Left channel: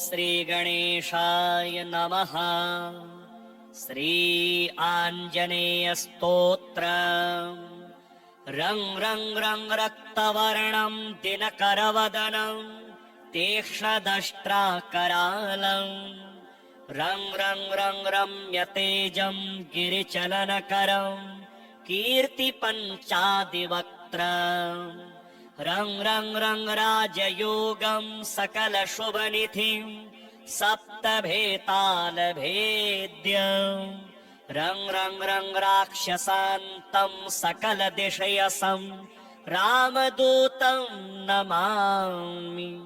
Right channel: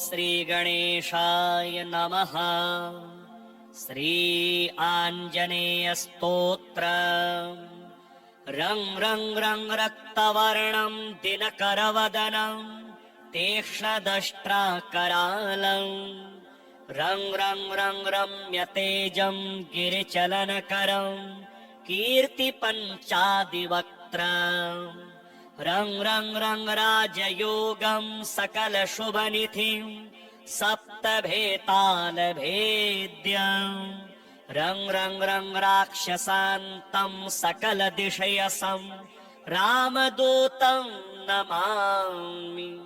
श्रीगणेशाय नमः। श्री आञ्जनेयस्तोत्र। रं रं रं रक्तवर्णं दिनकरवदनं तीक्ष्णदष्ट्राकरालं। रं रं रं रम्यतेजं गिरिचलनकरं कीर्तिपञ्चादिवक्त्रम्। रं रं रं राजयोगं सकलशुभनिधिं सप्तभेतालभेद्यम्। रं रं रं राक्षसान्तं सकलदिशयसं रामदूतं नमामि।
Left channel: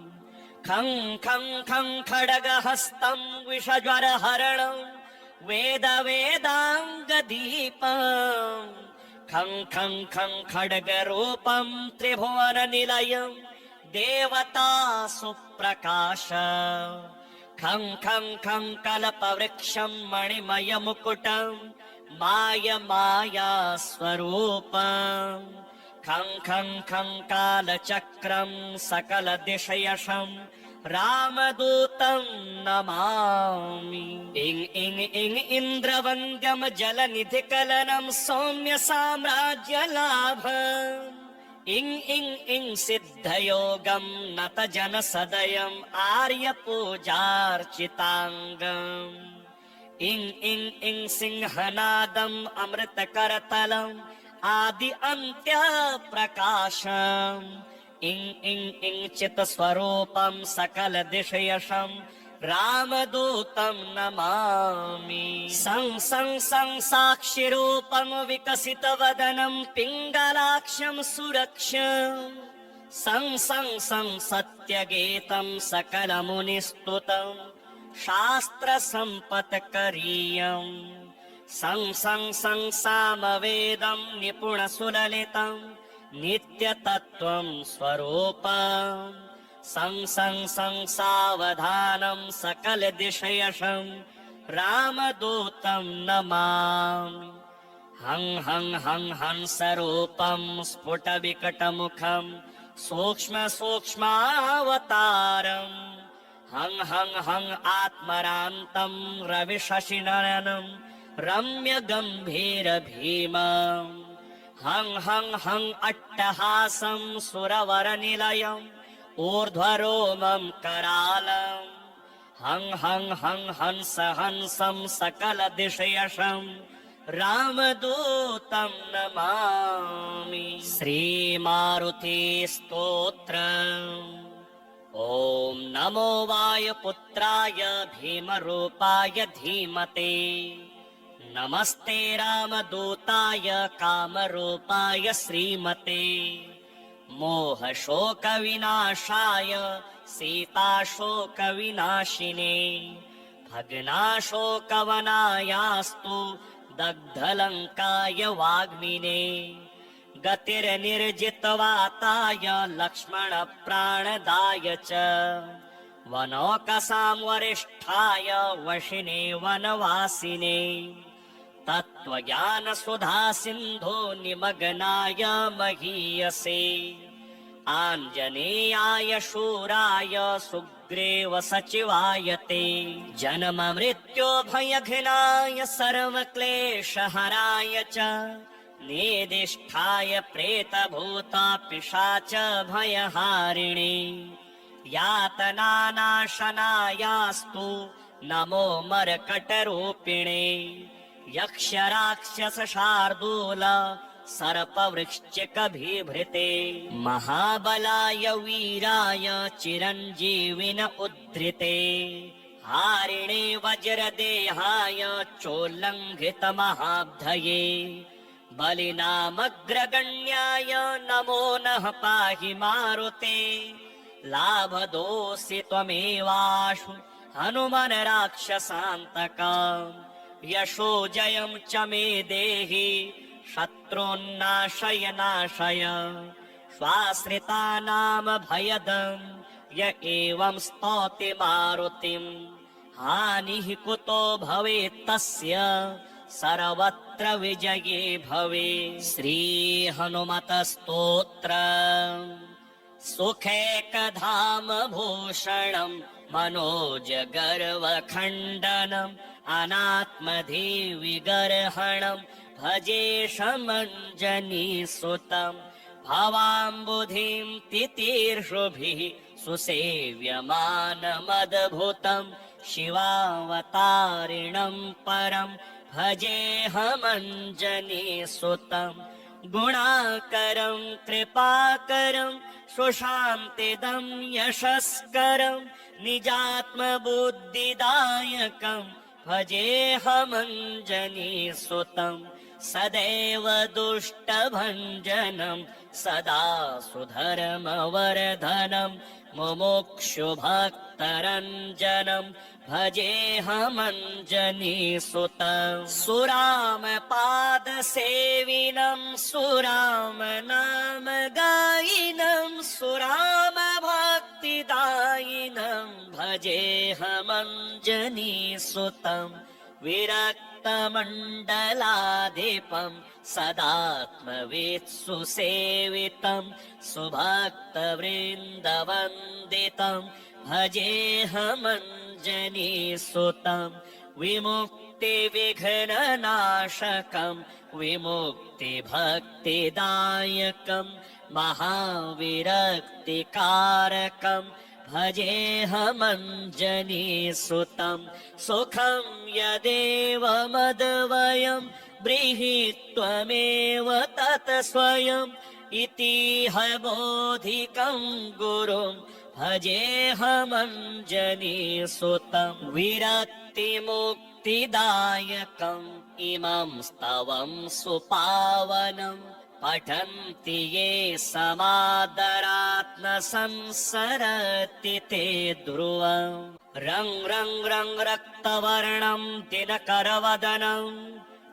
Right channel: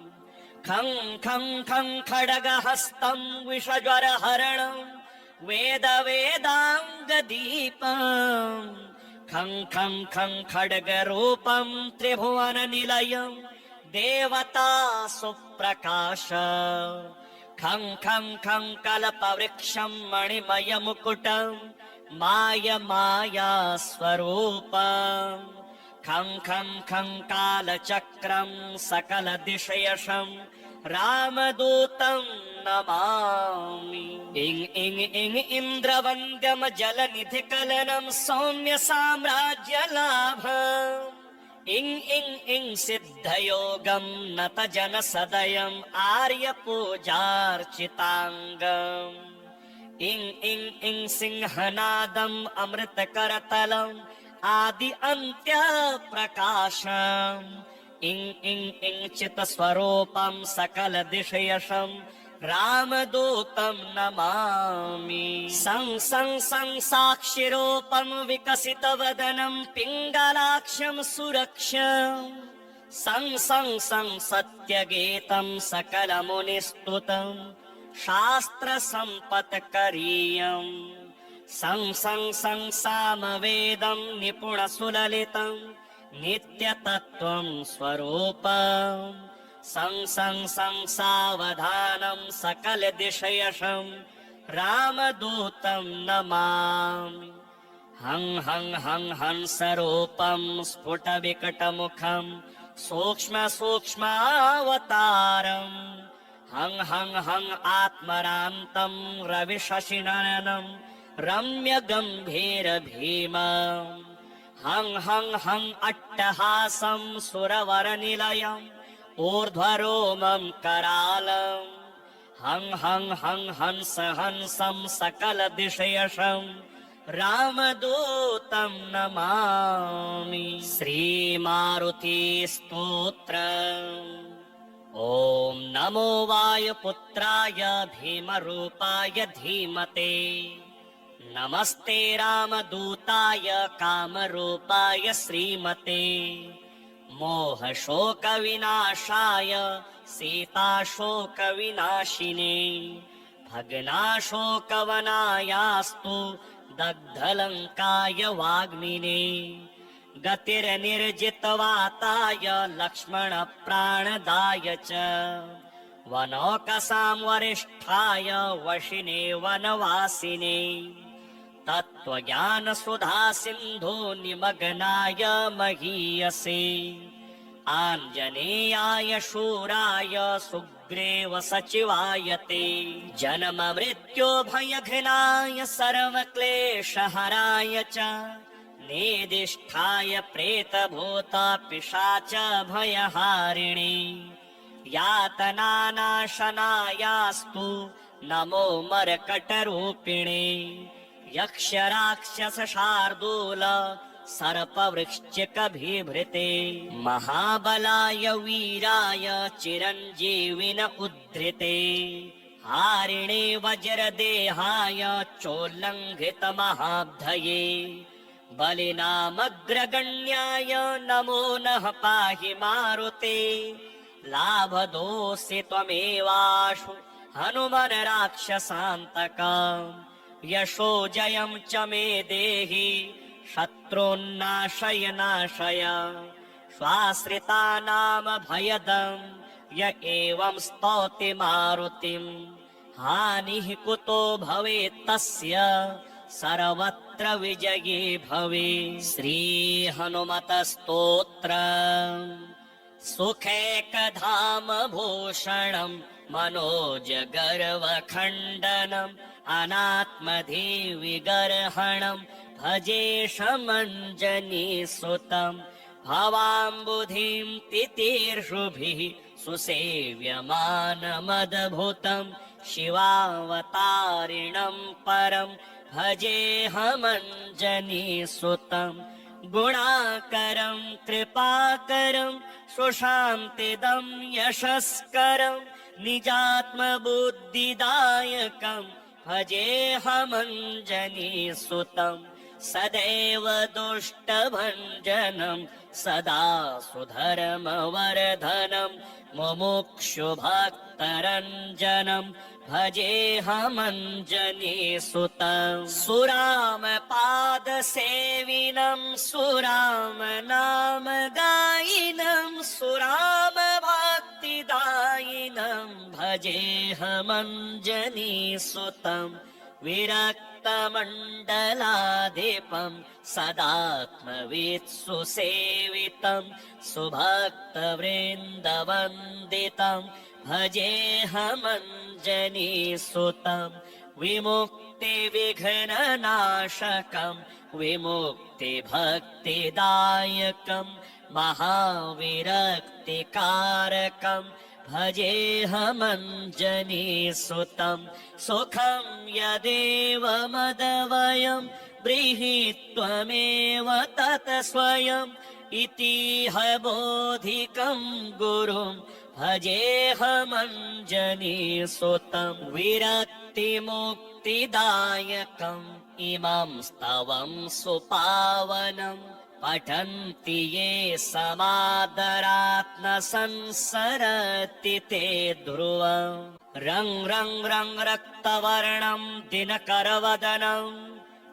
खं खं खं खड्गहस्तं विषज्वरहरणं वेदवेदाङ्गदीपम्। खं खं खं खड्गरूपं त्रिभुवननिलयं देवता सुप्रकाश। खं खं खं कल्पवृक्षं मणिमयमुकुटं मायमायास्वरूपम्। खं खं खं कालचक्रं सकलदिशयशं रामदूतं नमामि। इं इं इं इन्द्रवन्द्यं जलनिधिकलनं सौम्य साम्राज्यलाभम्। इं इं इं सिद्धयोगं नतजनसदयम् आर्यपूजार्चिताङ्गम्। इं इं इं सिंहनादम् अमृतकरतलम् आदि अन्त्यप्रकाशम्। इं इं इं चित्स्वरूपं सकलदिशयशं रामदूतं नमामि। सं सं सं साक्षिरूपं विकसितवदनं पिङ्गलाक्षं सुरक्षम्। सं सं सं सत्यगीतं सकलमुनिस्तुतं शास्त्रसम्पत्करीयम्। सं सं सं सामवेदं निपुणसुललितं नित्यतत्त्वं स्वरूपम्। सं सं सं सावधानं सकलदिशयशं रामदूतं नमामि। हं हं हं हंसरूपं स्फुटविकटमुखं सूक्ष्म सूक्ष्मावतारम्। हं हं हं आत्मरान्तं रविशशिनयनं रम्यगम्भीरभीमम्। हं हं हं अट्टहासं सुरवरनिलयम् ऊर्ध्वरोमं करालम्। हं हं हं हंस हंसं सकलदिशयशं रामदूतं नमामि। श्रीमारुति स्तोत्र। ॐ नमो वायुपुत्राय भीमरूपाय धीमते। नमस्ते रामदूताय कामरूपाय श्रीमते। मोहशोकविनाशाय सीताशोकविनाशिने। भग्नाशोकवनायास्तु दग्धलङ्काय वाग्मिने। गतिर्निर्जितवाताय लक्ष्मणप्राणदाय च। वनौकसां वरिष्ठाय वशिने वनवासिने। तत्त्वज्ञानसुधा सिन्धु निमग्नाय महीयसे। आञ्जनेयाय शूराय सुग्रीव सचिवाय ते। जन्म मृत्यो भयघ्नाय सर्वक्लेशहराय च। नेदिष्ठाय प्रेतभूत पिशाच भयहारिणे। यातनानाशनायास्तु नमो मर्कटरूपिणे। यक्षराक्षसशार्दूल सर्पवृश्चिकबिभृते। महाबलाय वीराय चिरञ्जीविन उद्धृते। हारिणे वज्रदेहाय चोल्लङ्घितमहाब्धये। बलिनामग्रगण्याय नमो नः पाहि मारुते। लाभदोऽसि त्वमेवाशु हनुमन् राक्षसान्तकम्। यशो जयं च मे देहि शत्रून्नाशय नाशय। स्वाश्रितानां भयदं य एवं स्तौति मारुतिम्। हानिः कुतो भवेत् तस्य सर्वत्र विजये भवे। श्री हनुमत स्तोत्र। सुखैकधाम भूषणम् मनोजगर्वखण्डनम् अनात्मधिविगर्हणम् भजेशमञ्जनीसुतम् भवाम्बुधिं तितीर्षुभिः सुसेव्यमानमद्भुतम् शिवावतारिणम् परम् भजेऽहमञ्जनीसुतम् गुणाकरम् कृपाकरम् सुशान्तिदम् यशस्करम् निजात्मबुद्धिदायकम् भजेऽहमञ्जनीसुतम् सदैव दुष्टभञ्जनम् सदा सुधर्मवर्धनम् मुमुक्षुभक्तरञ्जनम् भजेऽहमञ्जनीसुतम् सुरामपादसेविनम् सुरामनामगायिनम् सुरामभक्तिदायिनम् भजेऽहमञ्जनीसुतम् विरक्तमण्डलाधिपम् सदात्मवित्सुसेवितम् सुभक्तवृन्दवन्दितम् भजेऽहमञ्जनीसुतम् विमुक्तिविघ्ननाशकम् विमुक्तिभक्तिदायकम् महाविरक्तिकारकम् भजेऽहमञ्जनीसुतम् सुखम् यदेव मदवयम् ब्रीहित्वमेव तत् स्वयम् इतिह बोधिकम् गुरुम् भजेऽहमञ्जनीसुतम् विरक्तिमुक्तिदायकम् इमम् स्तवम् सुपावनम् पठन्ति ये समादरात् न संसरति ते ध्रुवम् रङ् रङ् रङ् रक्तवर्णम् दिनकरवदनम्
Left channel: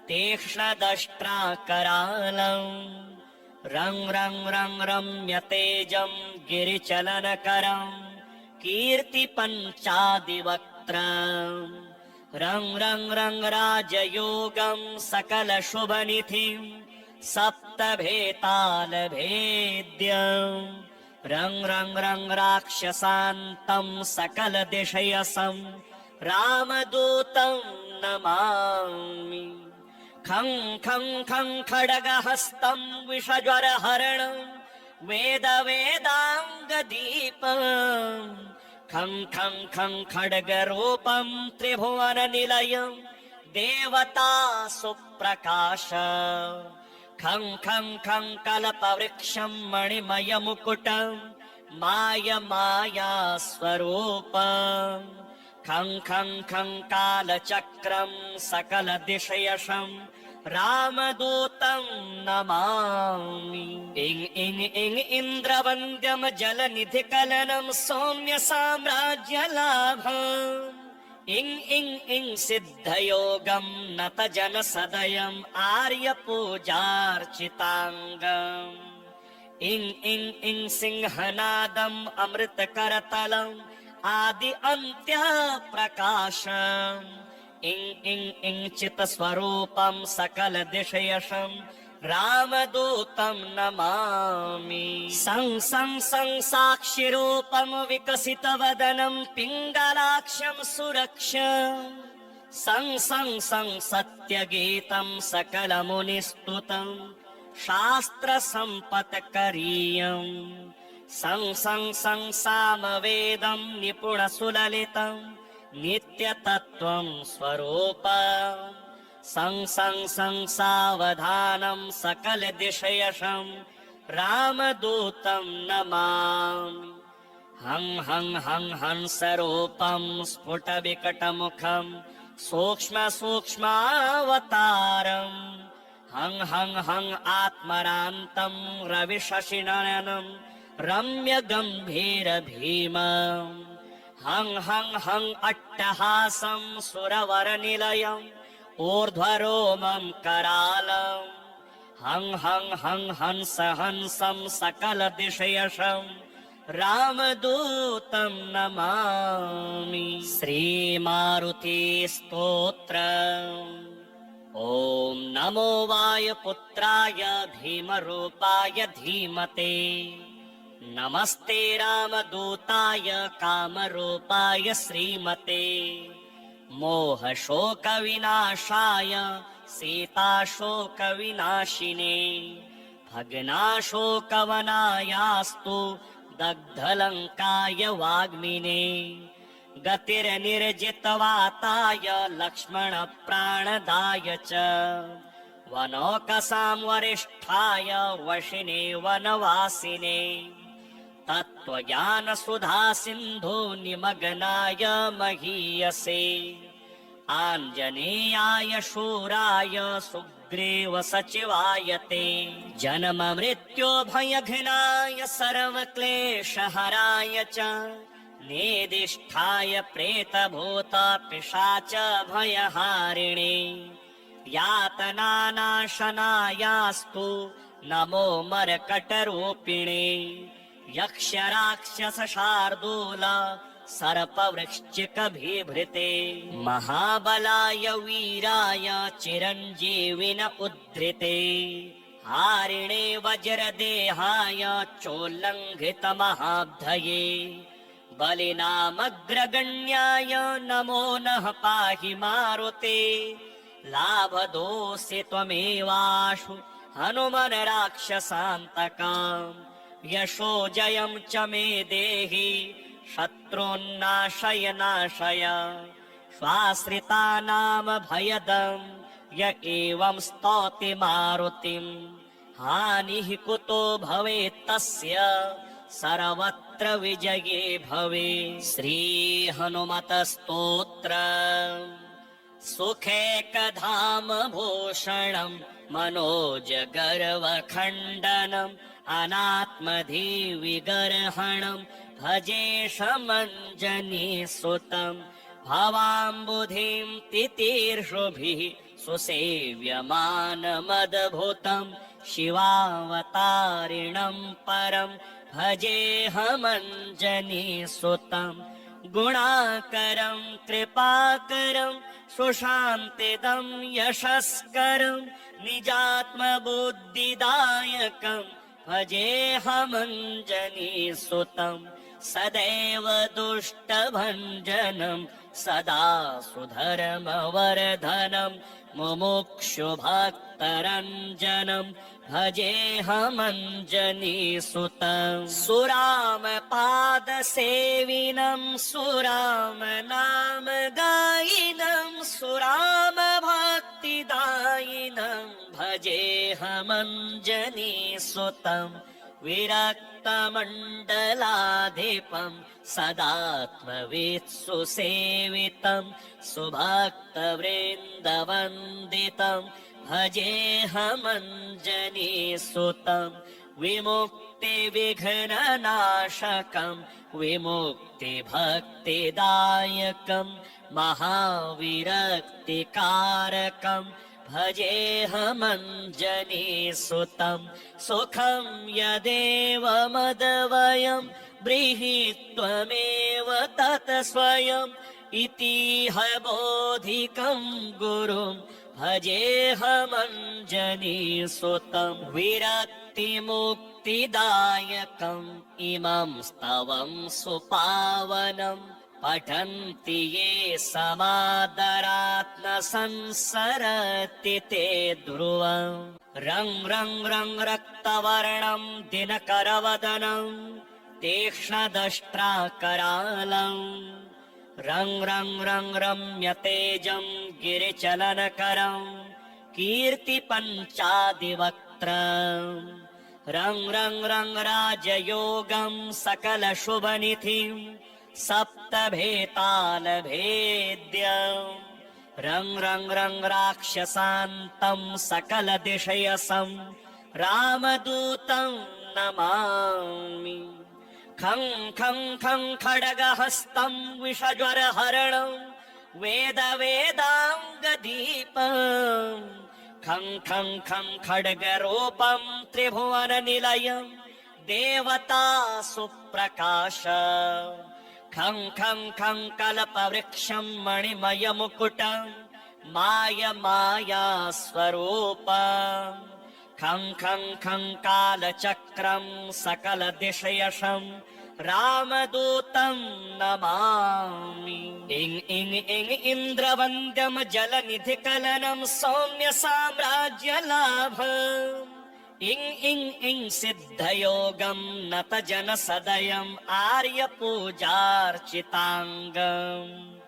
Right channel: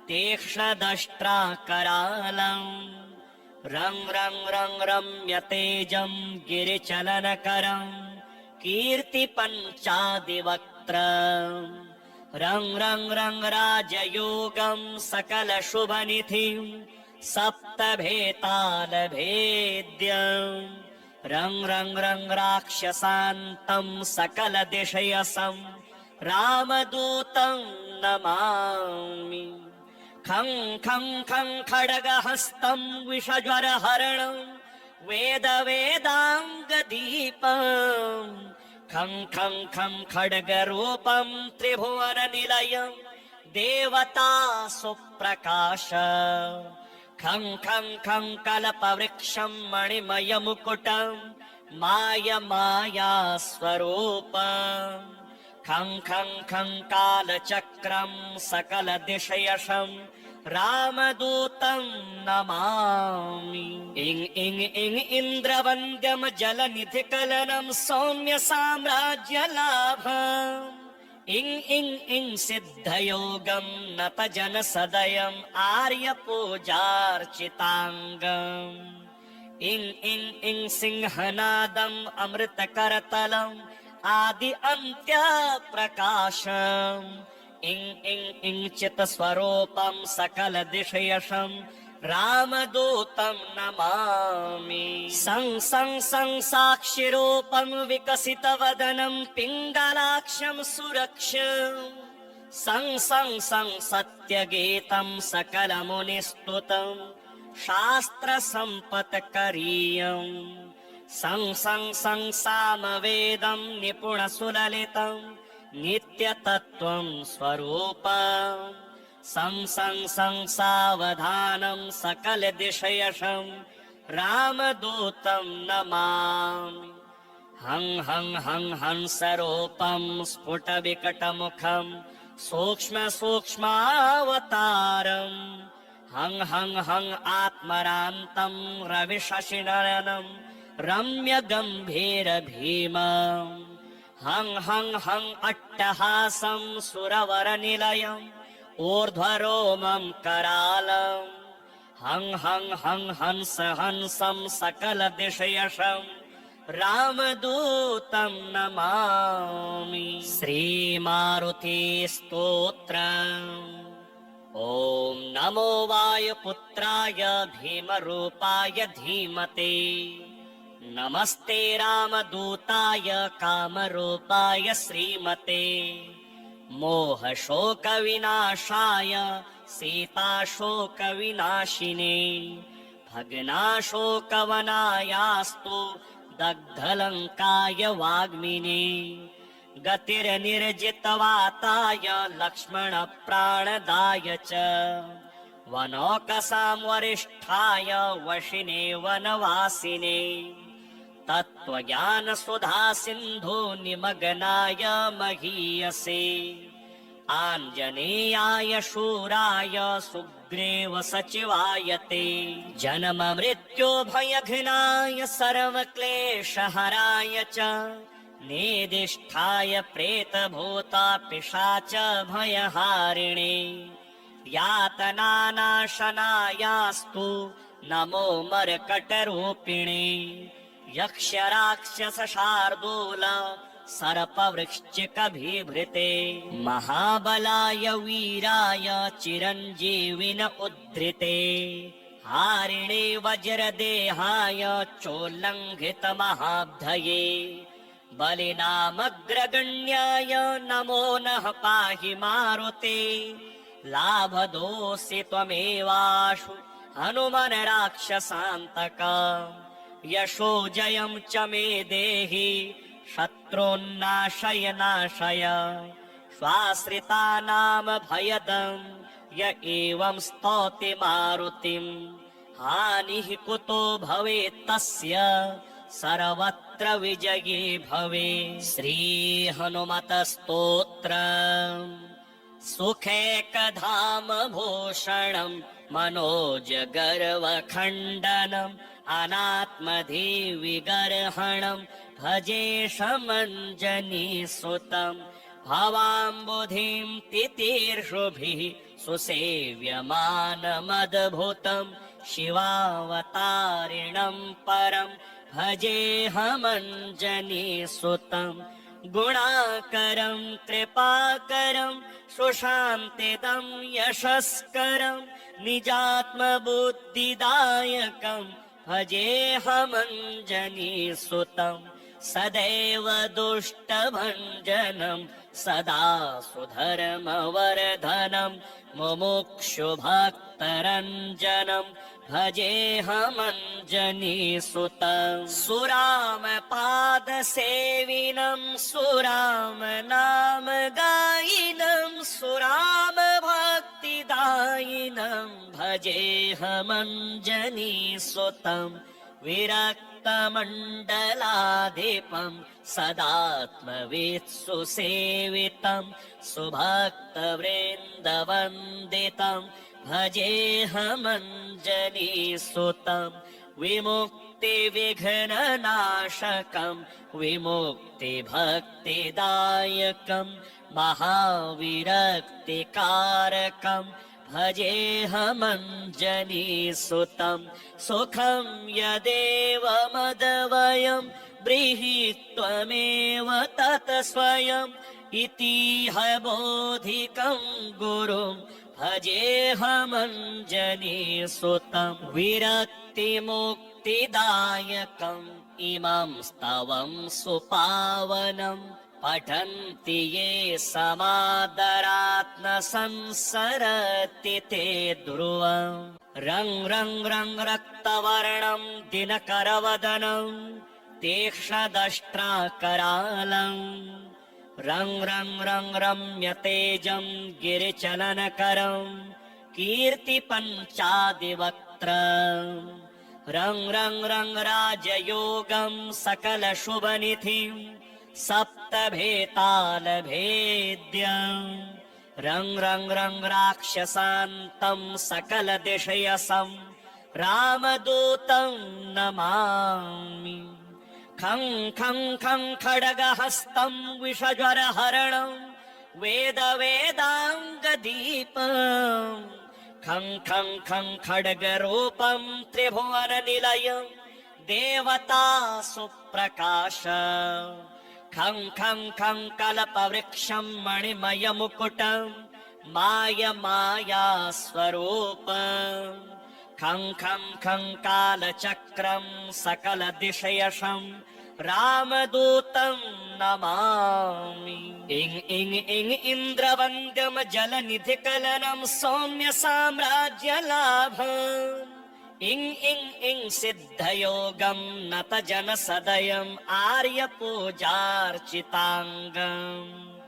तीक्ष्णदष्ट्राकरालम् रङ् रङ् रङ् रम्यतेजम् गिरिचलनकरम् कीर्तिपञ्चादिवक्त्रम् रङ् रङ् रङ् राजयोगम् सकलशुभनिधिम् सप्तभेतालभेद्यम् रङ् रङ् रङ् राक्षसान्तम् सकलदिशयसम् रामदूतम् नमामि खं खं खं खड्गहस्तम् विषज्वरहरणम् वेदाङ्गदीपम् खं खं खं खड्गरूपम् त्रिभुवननिलयम् देवता सुप्रकाश खं खं खं कल्पवृक्षम् मणिमयमुकुटम् माया स्वरूपम् खं खं खं कालचक्रम् सकलदिशयशम् रामदूतम् नमामि इं इं इं इन्द्रवन्द्यम् जलनिधिकलनम् सौम्य साम्राज्यलाभम् इं इं इं सिद्धयोगम् नतजनसदयम् आर्यपूजार्चिताङ्गम् इं इं इं सिंहनादम् अमृतकरतलम् आदि अन्त्यप्रकाशम् इं इं इं चित्स्वरूपम् सकलदिशयशम् रामदूतम् नमामि सं सं सं साक्षिरूपम् विकसितवदनम् पिङ्गलाक्षम् सुरक्षम् सं सं सं सत्यगीतम् सकलमुनिस्तुतम् शास्त्रसम्पत्करीयम् सं सं सं सामवेदम् निपुणसुललितम् नित्यतत्त्वम् स्वरूपम् सं सं सं सावधानम् सकलदिशयशम् रामदूतम् नमामि हं हं हं हंसरूपम् स्फुटविकटमुखम् सूक्ष्म सूक्ष्मावतारम् हं हं हं आत्मरान्तम् रविशशिनयनम् रम्यगम्भीरभीमम् हं हं हं अट्टहासम् सुरवरनिलयम् ऊर्ध्वरोमम् करालम् हं हं हं हंस हंसम् सकलदिशयशम् रामदूतम् नमामि श्रीमारुति स्तोत्र ॐ नमो वायुपुत्राय भीमरूपाय धीमते नमस्ते रामदूताय कामरूपाय श्रीमते मोहशोकविनाशाय सीताशोकविनाशिने भग्नाशोकवनायास्तु दग्धलङ्काय वाग्मिने गतिर्निर्जितवाताय लक्ष्मणप्राणदाय च वनौकसां वरिष्ठाय वशिने वनवासिने तत्त्वज्ञानसुधा सिन्धु निमग्नाय महीयसे आञ्जनेयाय शूराय सुग्रीव सचिवाय ते जन्म मृत्यो भयघ्नाय सर्वक्लेशहराय च निदिष्ठाय प्रेतभूत पिशाच भयहारिणे यातनानाशनायास्तु नमो मर्कटरूपिणे यक्षराक्षसशार्दूल सर्पवृश्चिकभिभृते महाबलाय वीराय चिरञ्जीविन उद्धृते हारिणे वज्रदेहाय चोल्लङ्घितमहाब्धये बलिनामग्रगण्याय नमो नः पाहि मारुते लाभदोऽसि त्वमेवाशु हनुमन् राक्षसान्तकाम् यशो जयं च मे देहि शत्रून्नाशय नाशय स्वाश्रितानां भयदं य एवं स्तौति मारुतिम् हानिः कुतो भवेत् तस्य सर्वत्र विजये भवे। श्री हनुमत स्तोत्र सुखेकधाम भूषणं मनोजगर्वखण्डनम् अनात्मधिविगर्हणं भजेशमञ्जनीसुतं भवाम्बुधिं तितीर्षुभिः सुसेव्यमानमद्भुतं शिवावतारिणं परं भजेऽहमञ्जनीसुतं गुणाकरं कृपाकरं सुशान्तिदं यशस्करं निजात्मबुद्धिदायकं भजेऽहमञ्जनीसुतं सदैव दुष्टभञ्जनं सदा सुधर्मवर्धनं मुमुक्षुभक्तरञ्जनं भजेऽहमञ्जनीसुतं सुरामपादसेविनं सुरामनामगायिनं सुरामभक्तिदायिनं भजेऽहमञ्जनीसुतं विरक्तमण्डलाधिपं सदात्मवित्सुसेवितं सुभक्तवृन्दवन्दितं भजेऽहमञ्जनीसुतं विमुक्तिविघ्ननाशकं विमुक्तिभक्तिदायकं महाविरक्तिकारकं भजेऽहमञ्जनीसुतं सुखं यदेव मदवयं ब्रीहि त्वमेव तत् स्वयम् इतिह बोधिकं गुरुं भजेऽहमञ्जनीसुतं विरक्तिमुक्तिदायकम् इमं स्तवं सुपावनम् पठन्ति ये समादरात् न संसरति ते ध्रुवम् रङ् रङ् रङ् रक्तवर्णं दिनकरवदनं तीक्ष्णदष्ट्राकरालम् रङ् रङ् रङ् रम्यतेजं गिरिचलनकरं कीर्तिपञ्चादिवक्त्रम् रङ् रङ् रङ् राजयोगं सकलशुभनिधिं सप्तभेतालभेद्यम् रङ् रङ् रङ् राक्षसान्तं सकलदिशयसं रामदूतं नमामि खं खं खं खड्गहस्तं विषज्वरहरणं वेदवेदाङ्गदीपम् खं खं खं खड्गरूपं त्रिभुवननिलयं देवता सुप्रकाश खं खं खं कल्पवृक्षं मणिमयमुकुटं मायमाया स्वरूपम् खं खं खं कालचक्रं सकलदिशयशं रामदूतं नमामि। इं इं इं इन्द्रवन्द्यं जलनिधिकलनं सौम्य साम्राज्यलाभम्। इं इं इं सिद्धयोगं नतजनसदयम् आर्यपूजार्चिताङ्गम्।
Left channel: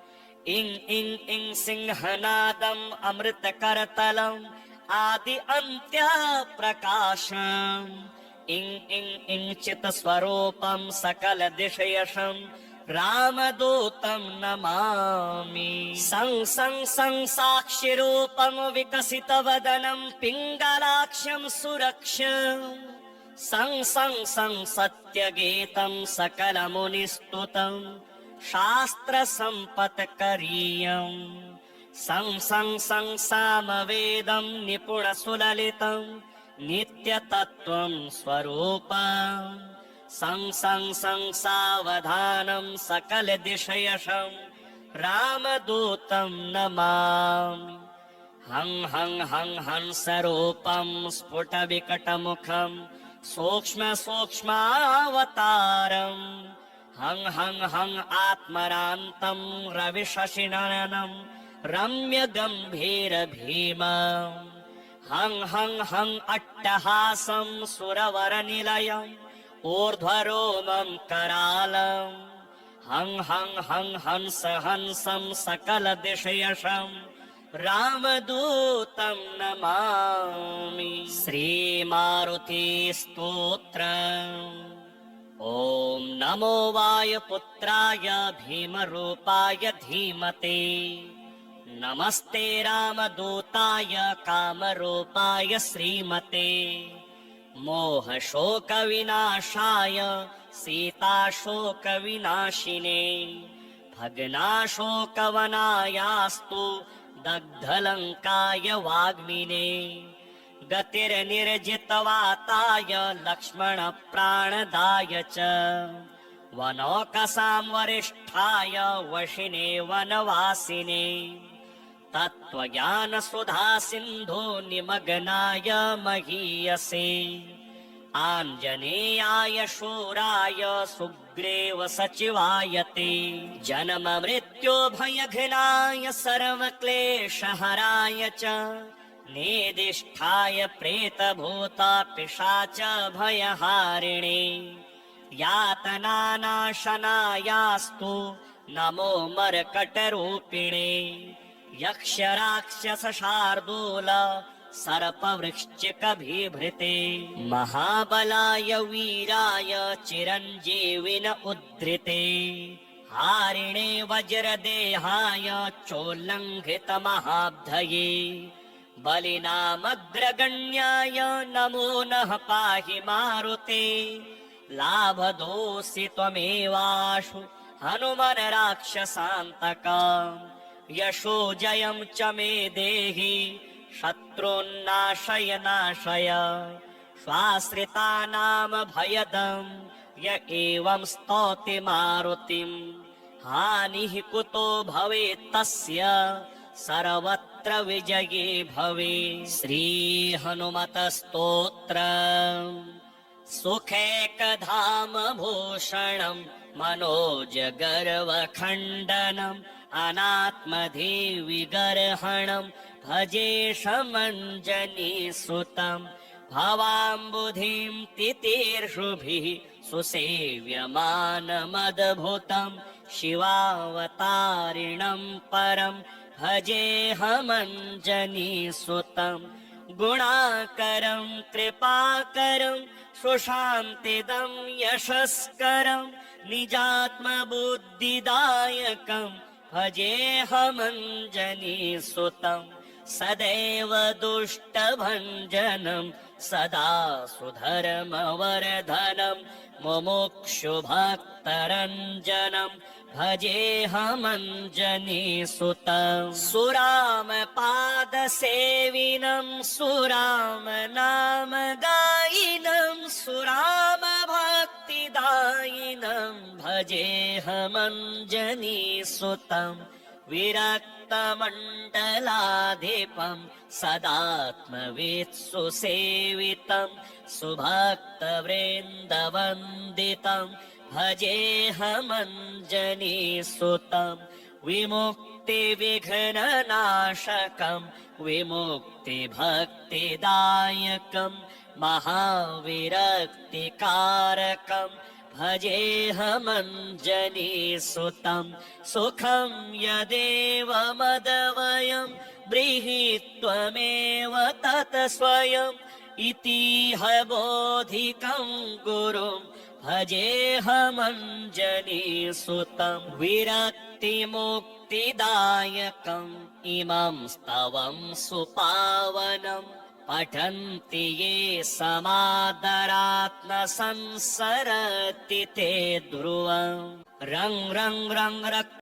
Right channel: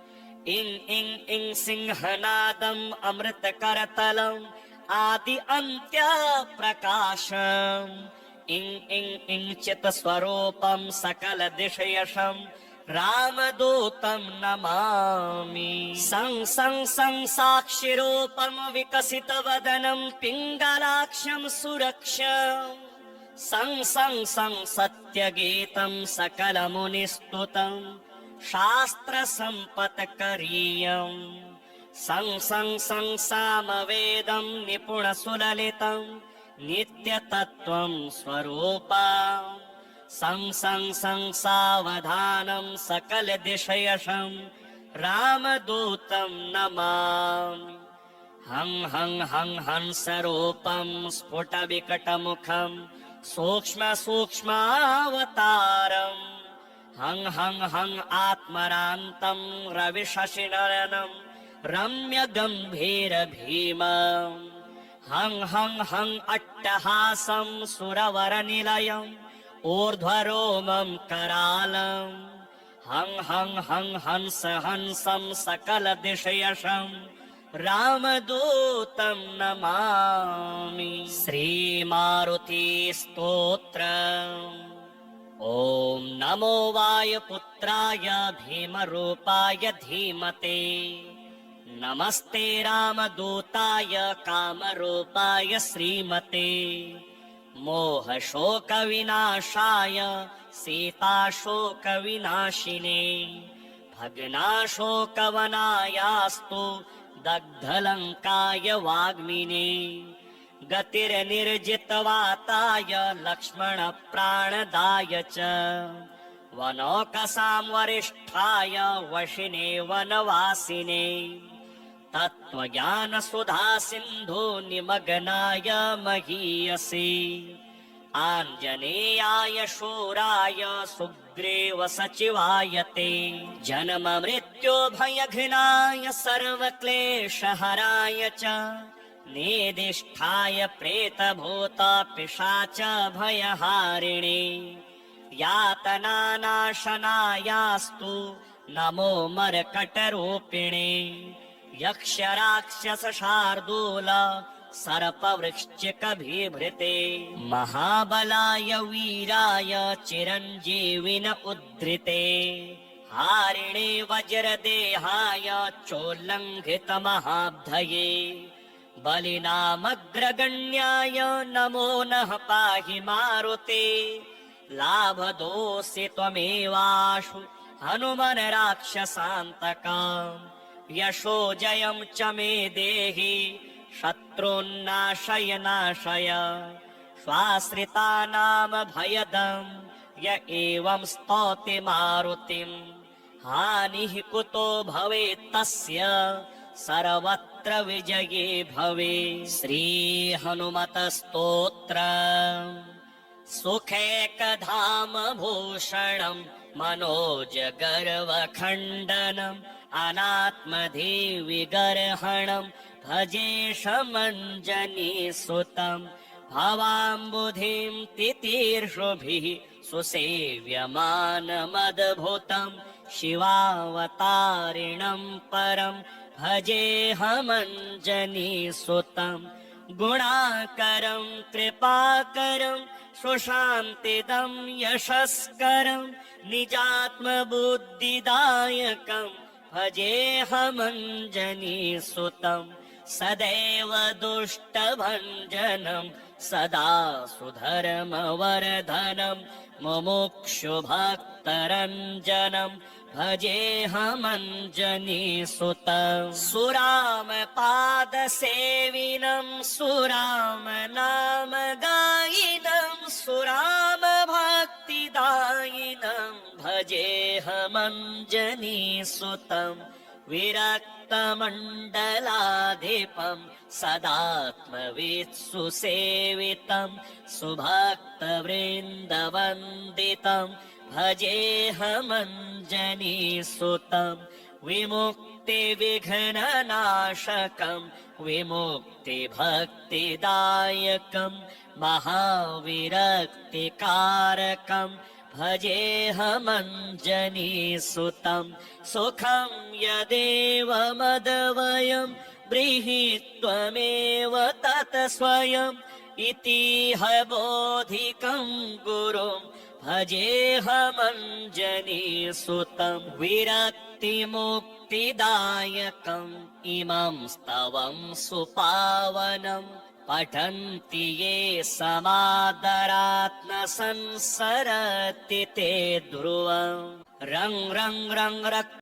इं इं इं सिंहनादम् अमृतकरतलम् आदि अन्त्यप्रकाशम्। इं इं इं चित्स्वरूपं सकलदिशयशं रामदूतं नमामि। सं सं सं साक्षिरूपं विकसितवदनं पिङ्गलाक्षं सुरक्षम्। सं सं सं सत्यगीतं सकलमुनिस्तुतं शास्त्रसम्पत्करीयम्। सं सं सं सामवेदं निपुणसुललितं नित्यतत्त्वं स्वरूपम्। सं सं सं सावधानं सकलदिशयशं रामदूतं नमामि। हं हं हं हंसरूपं स्फुटविकटमुखं सूक्ष्मसूक्ष्मावतारम्। हं हं हं आत्मरान्तं रविशशिनयनं रम्यगम्भीरभीमम्। हं हं हं अट्टहासं सुरवरनिलयम् ऊर्ध्वरोमं करालम्। हं हं हं हंस हंसं सकलदिशयशं रामदूतं नमामि। श्रीमारुति स्तोत्रम्। ॐ नमो वायुपुत्राय भीमरूपाय धीमते। नमस्ते रामदूताय कामरूपाय श्रीमते। मोहशोकविनाशाय सीताशोकविनाशिने। भग्नाशोकवनायास्तु दग्धलङ्काय वाग्मिने। गतिर्निर्जितवाताय लक्ष्मणप्राणदाय च। वनौकसां वरिष्ठाय वशिने वनवासिने। तत्त्वज्ञानसुधासिन्धो निमग्नाय महीयसे। आञ्जनेयाय शूराय सुग्रीव सचिवाय ते। जन्म मृत्यो भयघ्नाय सर्वक्लेशहराय च। नेदिष्ठाय प्रेतभूत पिशाच भयहारिणे। यातनानाशनायास्तु नमो मर्कटरूपिणे। यक्षराक्षसशार्दूल सर्पवृश्चिकबिभृते। महाबलाय वीराय चिरञ्जीविन उद्धृते। हारिणे वज्रदेहाय चोल्लङ्घितमहाब्धये। बलिनामग्रगण्याय नमो नः पाहि मारुते। लाभदोऽसि त्वमेवाशु हनुमन् राक्षसान्तका। यशो जयं च मे देहि शत्रून्नाशय नाशय। स्वाश्रितानां भयदं य एवं स्तौति मारुतिम्। हानिः कुतो भवेत् तस्य सर्वत्र विजये भवे। श्रीहनुमतस्तोत्रम्। सुखैकधामभूषणं मनोजगर्वखण्डनम् अनात्मधिविगर्हणं भजेशमञ्जनीसुतम्। भवाम्बुधिं तितीर्षुभिः सुसेव्यमानमद्भुतम्। शिवावतारिणं परं भजेऽहमञ्जनीसुतम्। गुणाकरं कृपाकरं सुशान्तिदं यशस्करं निजात्मबुद्धिदायकं भजेऽहमञ्जनीसुतम्। सदैव दुष्टभञ्जनं सदा सुधर्मवर्धनं मुमुक्षुभक्तरञ्जनं भजेऽहमञ्जनीसुतम्। सुरामपादसेविनं सुरामनामगायिनं सुरामभक्तिदायिनं भजेऽहमञ्जनीसुतम्। विरक्तमण्डलाधिपं सदात्मवित्सु सेवितं सुभक्तवृन्दवन्दितं भजेऽहमञ्जनीसुतं विमुक्तिविघ्ननाशकं विमुक्तिभक्तिदायकं महाविरक्तिकारकं भजेऽहमञ्जनीसुतं सुखं यदेव मदवयं ब्रीहि त्वमेव तत् स्वयम् इतिह बोधिकं गुरुं भजेऽहमञ्जनीसुतं विरक्तिमुक्तिदायकम् इमं स्तवं सुपावनं पठन्ति ये समादरात् न संसरति ते ध्रुवम् रं रं रं रक्